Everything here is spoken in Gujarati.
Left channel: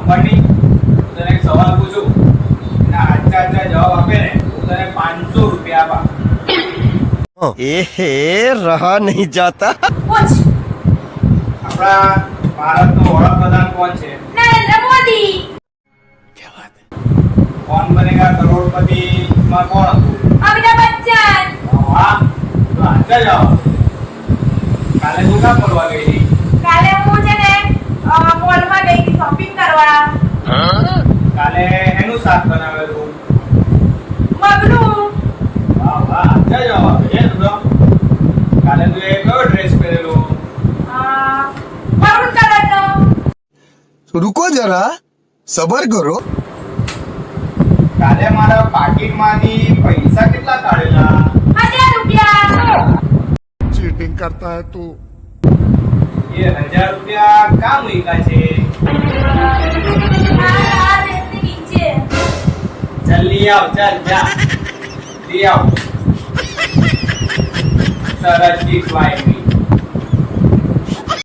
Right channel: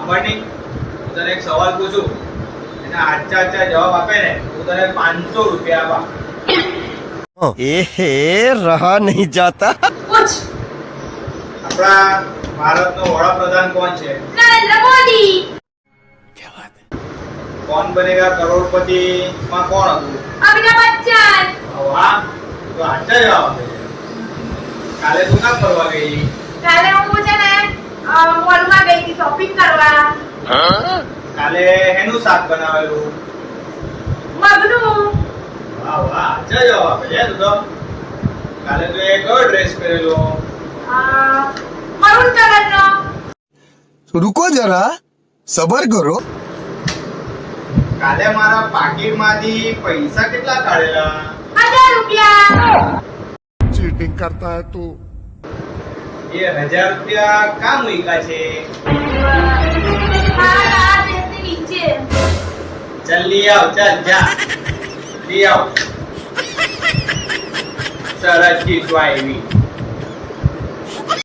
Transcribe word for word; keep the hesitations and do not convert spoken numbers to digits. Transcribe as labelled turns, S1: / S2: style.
S1: સાંભળની હું તને એક સવાલ પૂછું એના આચા આચા જવાબ આપે ને હું તને પાંચસો રૂપિયા આપા.
S2: ए हे रहा नहीं जाता.
S3: પૂછ.
S1: આપણા ભારતનો વડાપ્રધાન કોણ છે?
S3: નરેન્દ્ર મોદી.
S1: કોણ બનેગા કરોડપતિ માં કોણ હતું?
S3: અમિતાભ બચ્ચન.
S1: વાહ, તો આચા જવાબ આપે. કાલે તું કામ કરવા ગઈ?
S3: કાલે હું છે ને મોલમાં ગઈ હતી શોપિંગ કરવા.
S1: કાલે એનું શાક બનાવેલું?
S3: મગનું.
S1: વાહ વાહ, આચા જવાબ આપે છે તું તો. કાલે તું એ કયો ડ્રેસ પહેરેલો?
S3: મરૂન કલરનો.
S4: रुको जरा सबर करो.
S1: કાલે મારા પાકીટમાંથી પૈસા કેટલા કાઢેલા?
S3: હજાર રૂપિયા.
S4: चीटिंग करता है तू.
S1: એ હજાર રૂપિયા કામ મૂક્યા છે?
S3: મારા દેશની નીચે.
S1: ચાલ લઈ આવ, ચાલ જા લઈ આવ. સરસ ગીત આવી.